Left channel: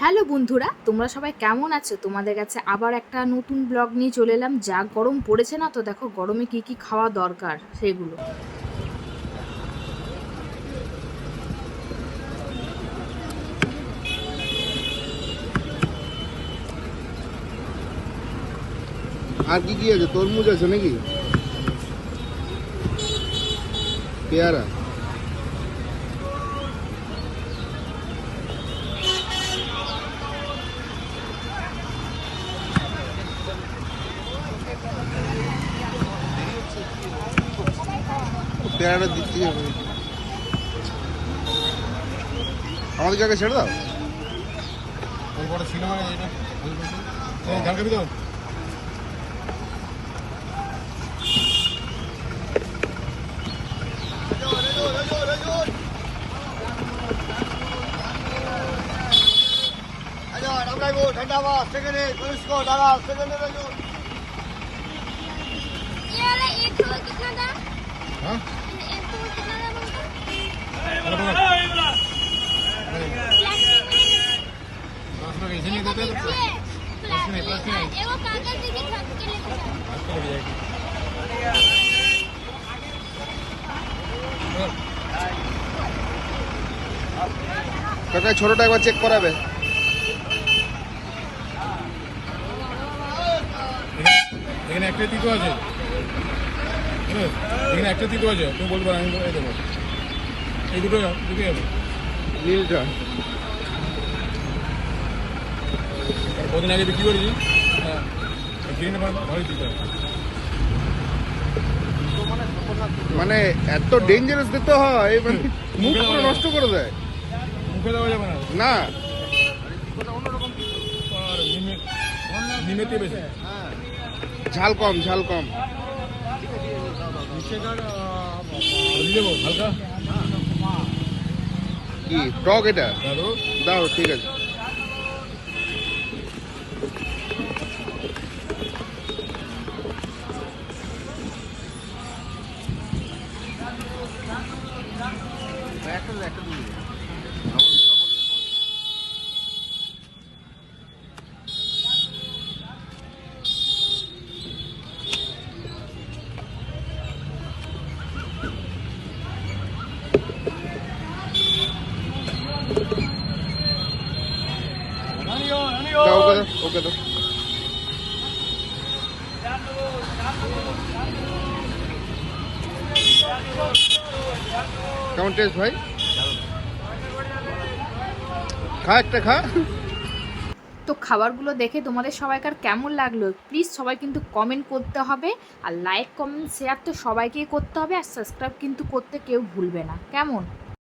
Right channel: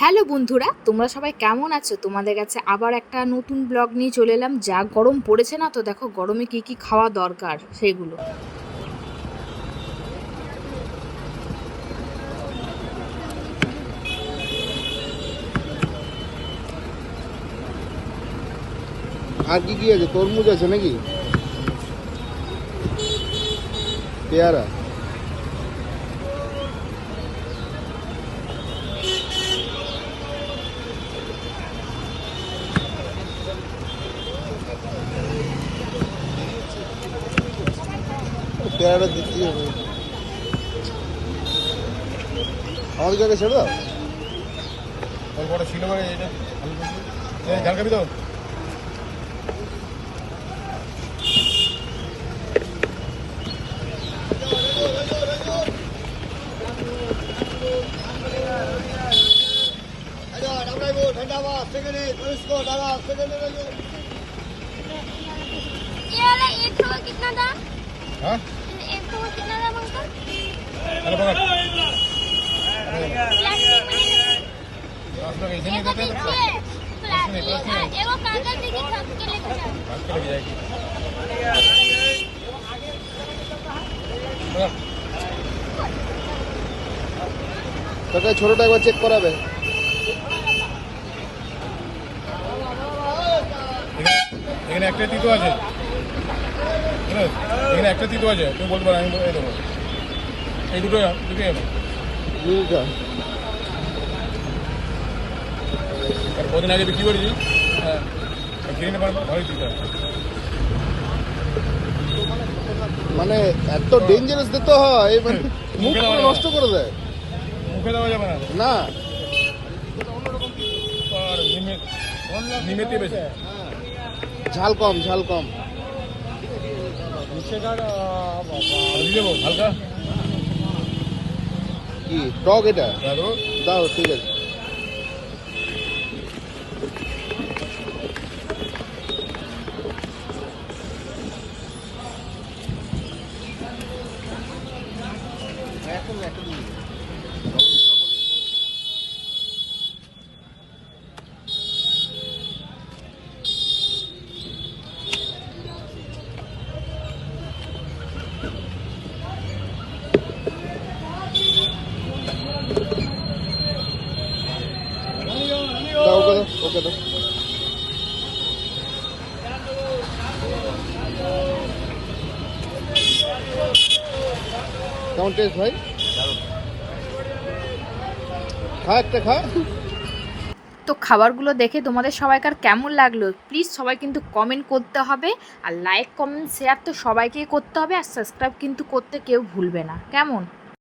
Hello বন্ধুরা, তোমরা সবাই কেমন আছো? তোমাদের কাছে আবার একটা নতুন ব্লগ নিয়ে চলে এলাম। যা গরম পড়েছে না তো, দেখো গরমে কি কি খাওয়া দরকার সেগুলো। আর কি কি আছে? তরমুজ আছে নাকি? পেয়ারা। পেয়ারাটা দিচ্ছি আমাদের জায়গায় ছেড়ে দাও বড় ছিল মানে এটা এই ঝাল খাবি তো ये वाला एक सौ का कितना था হ্যাঁ কাকা ছোটটা একবার চেক করাবে এখানে একটা তিতো আছে? এখানে একটা তিতো আছে তুমি বলতে পারো আমি বলে দেবো। এই দুটো দুটোই নীলটা আর কদিন আগে বিক্রি করেছি হ্যাঁ। নেবার ভালোই দিতে হয় মানে এত ডেঞ্জারাস দিতে হয় মানে মুখ নষ্ট করে দেয়। মুখে দেওয়া যাবে না। না। ঝাল কম ঝাল কম। দিয়ে হালকা কি? টক এটা? দাও ঠিক আছে। একটা একটা ওকে দাও কেমন টেস্ট ভাই? খা একটা, খা। তো খাবারগুলো দেখে তোমাদের সবাইকার কেমন লাগল? প্লিজ সবাই কিন্তু কমেন্ট করতে হবে। আর লাইক কমেন্ট শেয়ার তো সবাইকেই করতে হবে। আর সাবস্ক্রাইব কিন্তু করতে কেউ ভুলবে না। কেমন?